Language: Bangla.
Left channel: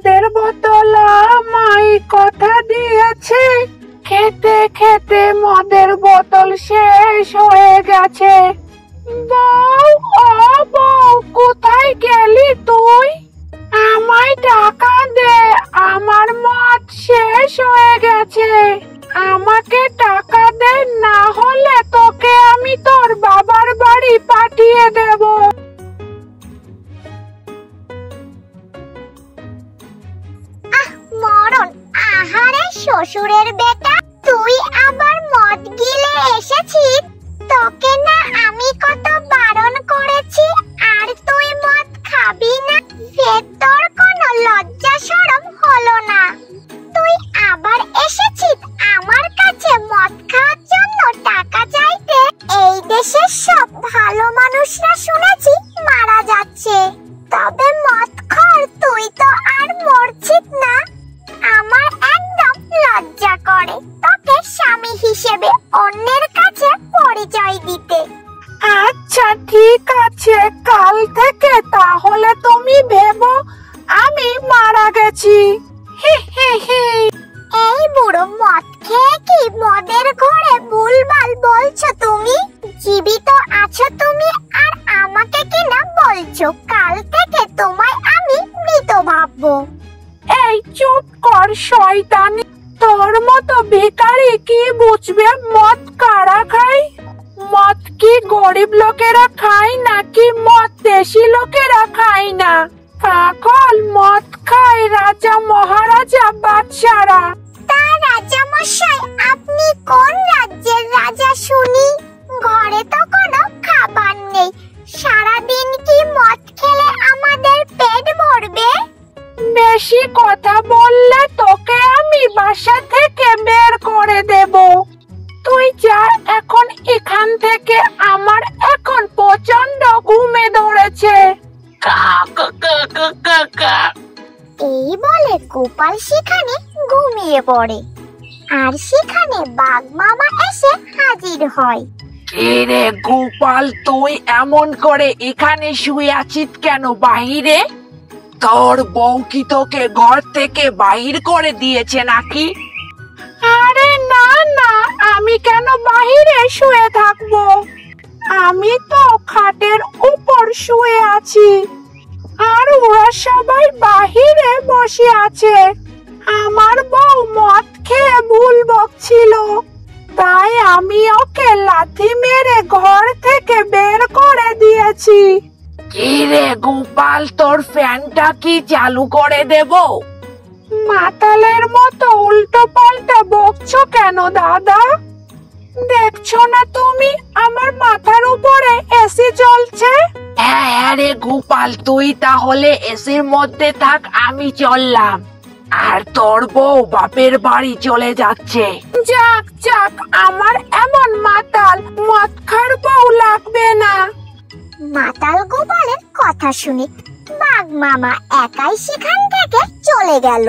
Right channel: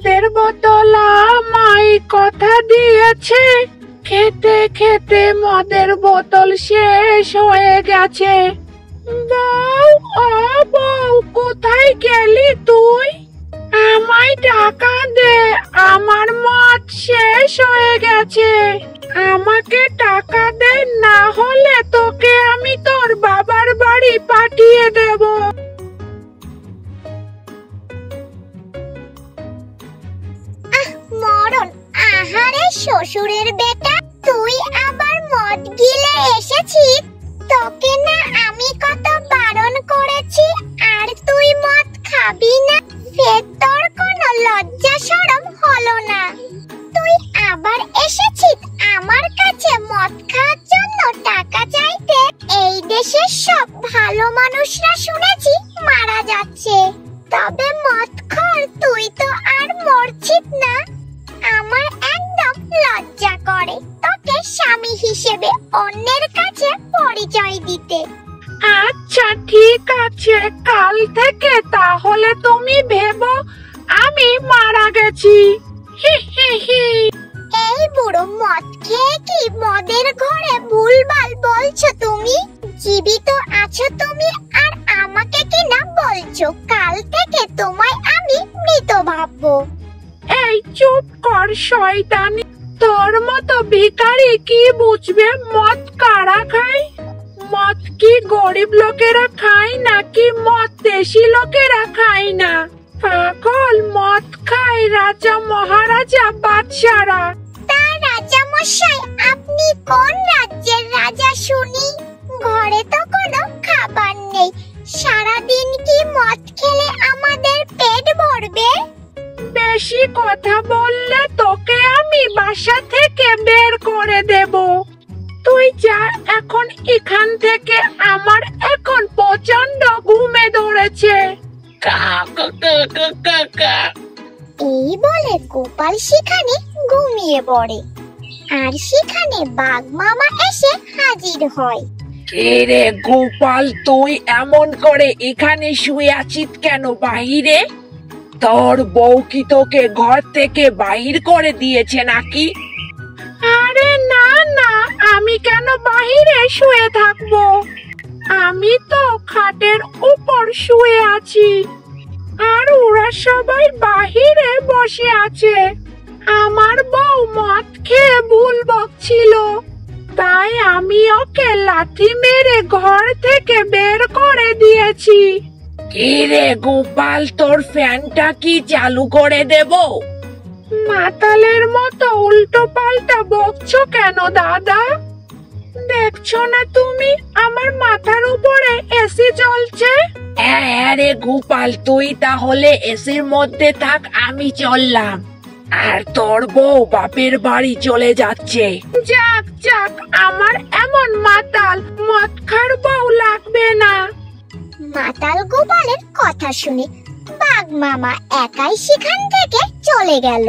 মদের বোতল আমায় কথা দিয়েছে, খেতে খেতে মদের বোতল শেষ হয়ে গেছে। বউ, ও বউ, কোথায় গেলি তুই? আমায় টাকা দে, আমার মদ শেষ হয়ে গেছে। আমাকে টাকা দে, না হলে তোকে আমি তোর বাবার বাড়ি পাঠিয়ে দেব। মরণ! আহারে শ্বশুরের বেটা, তুই আবার মদ গিলে এসেছিস। তোকে না আমি কত বারণ করেছি, আর তুই মদ খাবি না? ফের তোর কোনো লজ্জা শরম হলো না? তুই আবার এসেছিস আমার কাছে মদ খাওয়ার জন্য টাকা চাইতে। এই দেশের সব ভালো মানুষরা শুনেছি মারা যাচ্ছে, তবে মদ খোর তুই তো আর মরছিস না। আমার একদম লজ্জা করে তোকে স্বামী হিসেবে অন্যের কাছে পরিচয় দিতে। আচ্ছা ঠিক আছে, কাল থেকে তাহলে তুমি ভেবো আমি মারা গেছি। হি হি হি। এই বুড়ো, মদ খেয়ে কি মদের ঘরে ভুলভাল বলছো তুমি? জীবিত আছো তুমি, আর আমাকে কি না বলছো? কাল থেকে তোমায় আমি মৃত ভাববো। এই চুপ কর শয়তানি, তোর মতো ভিখারি কি বুঝবে মদ কারা খায়? মদ কি গরিব লোকেরা খায় নাকি মদ দেশি লোকেরা খায় না? পাগল, মদ খায় রাজা মহারাজা বাদশারা। তা রাজা মশাই, আপনি কোন রাজ্যের রাজা শুনি? ঘরে তো কোনো খাবার নেই, সারাদিন কি মদ খেলে আমাদের পেট ভরবে? বেশি কথা বললে তোকে আমি বাসা থেকে বের করে দেব। তুই যা এখন এখান থেকে, আমার এখন প্রচন্ড ঘুমে ধরেছে। এই বলে গোপাল সেখানে ঘুমিয়ে পড়ে, আর সেখানে বাঘ মামা এসে হাজির হয়। রে গোপাল, তুই এমন করে এখানে শুয়ে আছিস কেন বাহিরে? তোর বউ কি তোকে ঘর থেকে বাহির করে দিয়েছে নাকি? আরে না না, আমি কেন বাহিরে শুয়ে থাকবো? আমি তো খাটের উপর শুয়ে আছি, আর ওরা সবাই বাহিরে বসে আছে। আমার বউ মদ খেয়ে ভুল বকছিল, তাই আমি ওকে লাথি মেরে ঘর থেকে বের করে দিয়েছি। কি রে গোপাল, তোর ফ্যানটা কি চালু করে দেব? মাতালের মতো উল্টো পাল্টা বকছো কেন দাদা? দেখছো না তুমি আমার মাথার উপরে এসি চলছে? হ্যাঁ রে গোপাল, তুই তাহলে এসির মধ্যে থাক, আমি চললাম। আর তোর বউ বাপের বাড়ি চলে যাচ্ছে। যাক যাক, আমার এমন মাতাল মদ খার বউ লাগবে না। মাতাল গোপালের কথা শুনে বাঘ মামা একাই সেখান থেকে চলে গেল।